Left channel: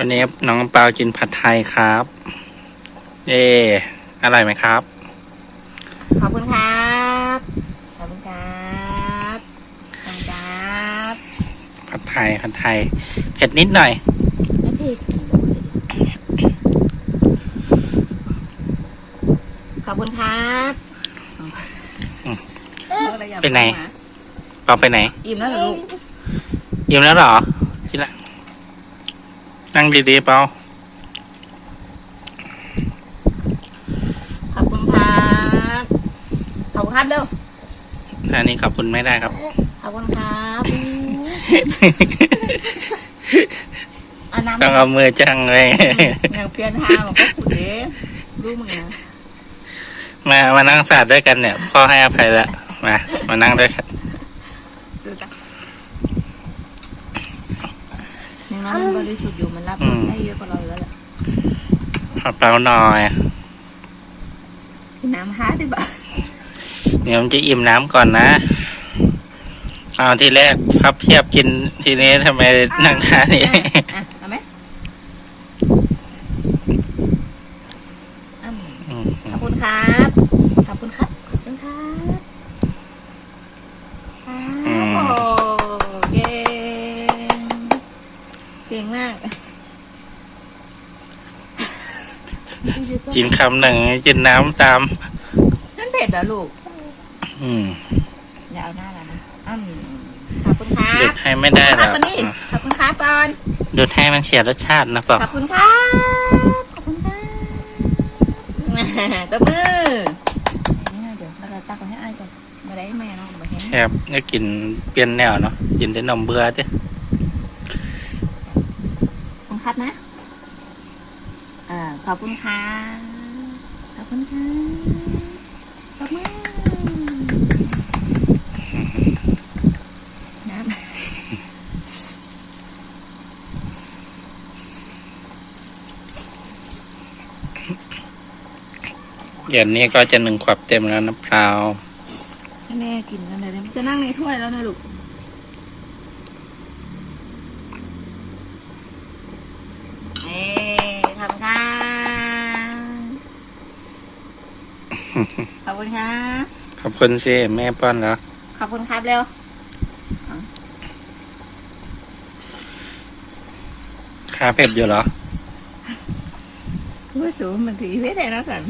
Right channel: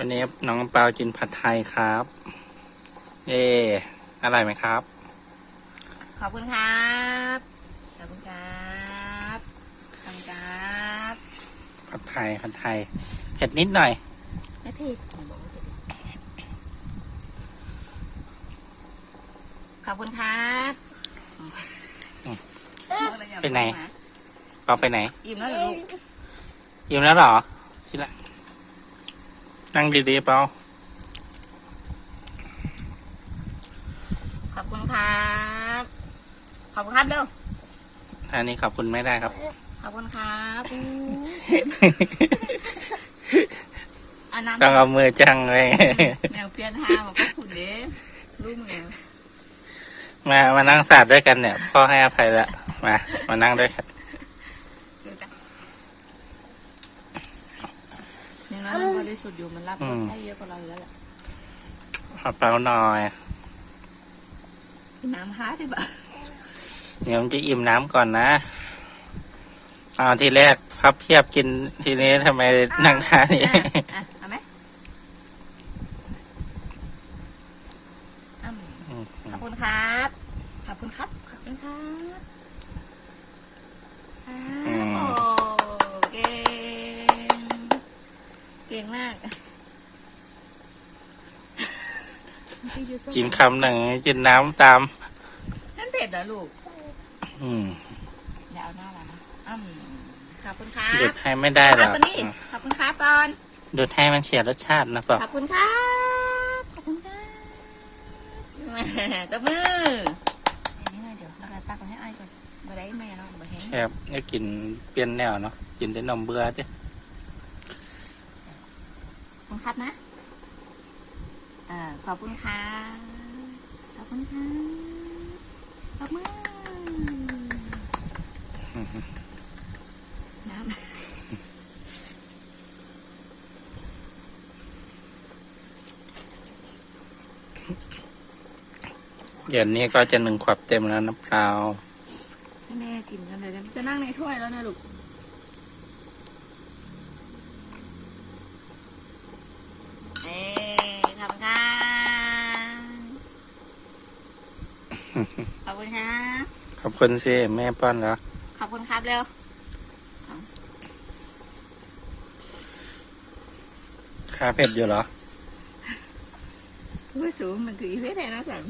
วันนี้น้องเปากินผัดไทยครับ เอ๊อร่อยไหมครับ ขอบคุณครับ ขอบคุณครับขอบคุณครับผัดไทยผัดไทย เผ็ดนิดหน่อย ไม่ผิดขอบคุณครับอืมเอ้ยไปไหนเปาไปไหน อิ่มแล้วเหรอลูกยิ้มแล้วเหรอกินละ นั่งดีๆเปาขอบคุณครับ ขอบคุณครับเร็วอันนี้ขอบคุณไม่ได้ครับ ขอบคุณครับเอาน้ำต้องเอามือจังเลย อย่างเปลี่ยนทางของก็ขุดเด้ดูมือนะมา มานั่งสาดด้วยกันเนี่ย พ่อให้อภัยแล้วมา มานั่งด้วยกัน ซื้อกัน อย่างน้อยมันบริสุทธิ์อยู่มันรับรสได้เยอะกว่าเราอยู่แล้วแหละขอเปาหน่อย น้ำฮาดิบะเดี๋ยวมันจะอิ่มน้ำก่อนนะเอาทีแรกพับเพียบกินทีนี้ทำไมนั่งทานี้อะเอาไหมอืม ขอบคุณครับ ขอบคุณครับ ขอบคุณครับครับโอ้เก่ง เก่ งมากกินคำหนึ่งกินน้ำตาม นั่นเผ็ดเหรอลูก อืมอย่าเอาหน้าแล้วนะอืมขอบคุณครับดูดให้ไม่ได้หรอกขอบคุณนี่ขอบคุณครับก่อนดูดให้มันเสียรสชาตินะเปล่าขอบคุณครับขอบคุณครับตบมือนี่นะเดี๋ยวเราจะตักไว้ให้อ้ายก่อนมาได้แม่เนาะมาเห็นแคบก็กินเปลี่ยนแนวเนาะกินแต่นมเบื่อจ้ะ ขอบคุณครับนะอ่าขอบคุณครับขอบคุณครับตบมือน้ำเดี๋ยวนี้ก็จะหนึ่งขวบเต็มแล้วนะเปล่าให้แม่กินกันเลยนะจะนั่งในถ้วยแล้วนะลูก เอ้ขอบคุณค่ะ ขอบคุณครับขอบคุณสิแม่ป้อนแล้ว ขอบคุณครับเร็วค่าเผ็ดอยู่เหรอผู้สูงมันถือเพชรเลยนะสัน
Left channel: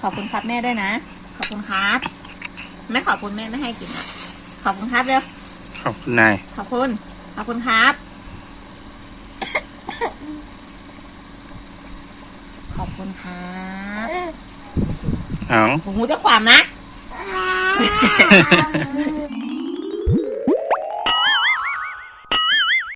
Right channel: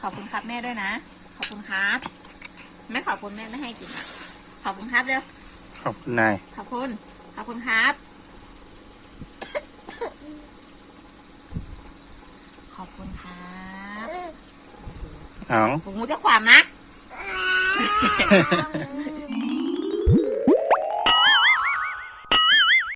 ขอบคุณครับแม่ด้วยนะ ขอบคุณครับ ไม่ขอบคุณแม่ไม่ให้กินอะ ขอบคุณครับเร็ว ขอบคุณนาย ขอบคุณ ขอบคุณครับ ขอบ คุณครับเอา หูจะความนะ